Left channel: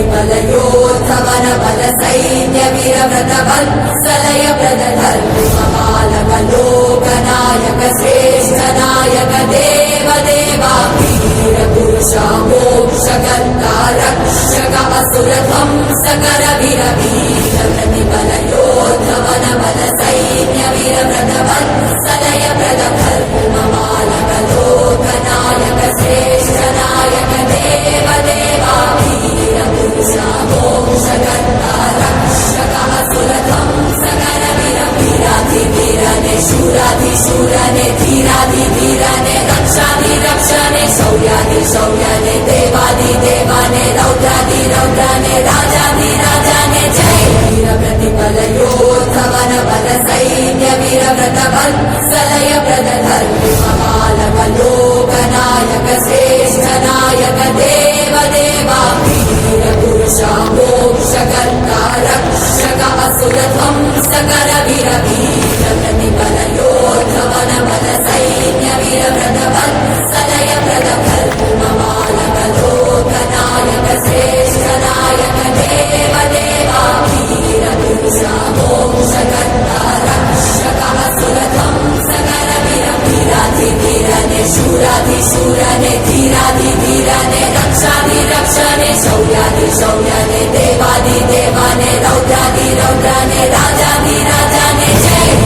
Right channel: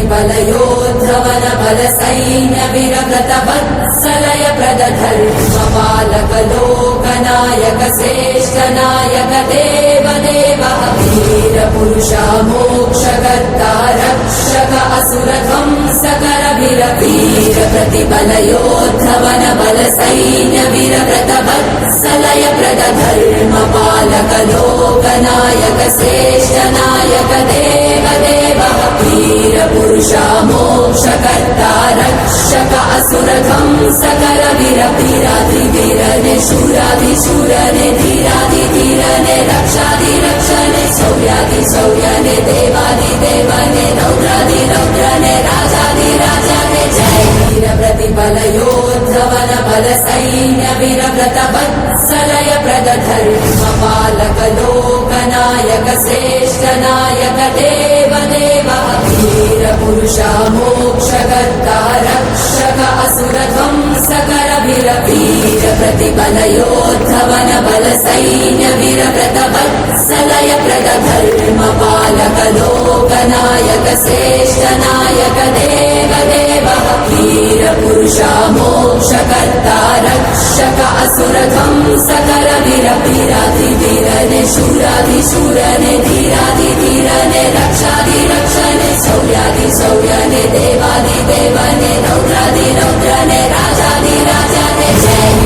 प्रतिफलयोद्धवन बल सैन्य वीरव्रत वत्सलय प्रद धर्म पालक लोकनायक श्रेष्ठ नायक देव देवा वीर पुरुषा मोक्षकर्ता रक्षक असुर ध्वंसकर वीर वीर प्रतिफलयोद्धवन बल सैन्य वीरव्रत वत्सलय प्रद धर्म पालक लोकनायक श्रेष्ठ नायक देव देवा वीर पुरुषा मोक्षकर्ता रक्षक असुर ध्वंसकर वीर वीराधि वीरने शूराधि शूरने धीराधि धीरने रक्षाधि रक्षने शौर्याधि शौर्यने देवाधि देवाने रौद्राधि रौद्रने राजाधि राजाने जय वीर प्रतिफलयोद्धवन बल सैन्य वीरव्रत वत्सलय प्रद धर्म पालक लोकनायक श्रेष्ठ नायक देव देवा वीर पुरुषा मोक्षकर्ता रक्षक असुर ध्वंसकर वीर वीर प्रतिफलयोद्धवन बल सैन्य वीरव्रत वत्सलय प्रद धर्म पालक लोकनायक श्रेष्ठ नायक देव देवा वीर पुरुषा मोक्षकर्ता रक्षक असुर ध्वंसकर वीर वीराधि वीरने शूराधि शूरने धीराधि धीरने रक्षाधि रक्षने शौर्याधि शौर्यने देवाधि देवाने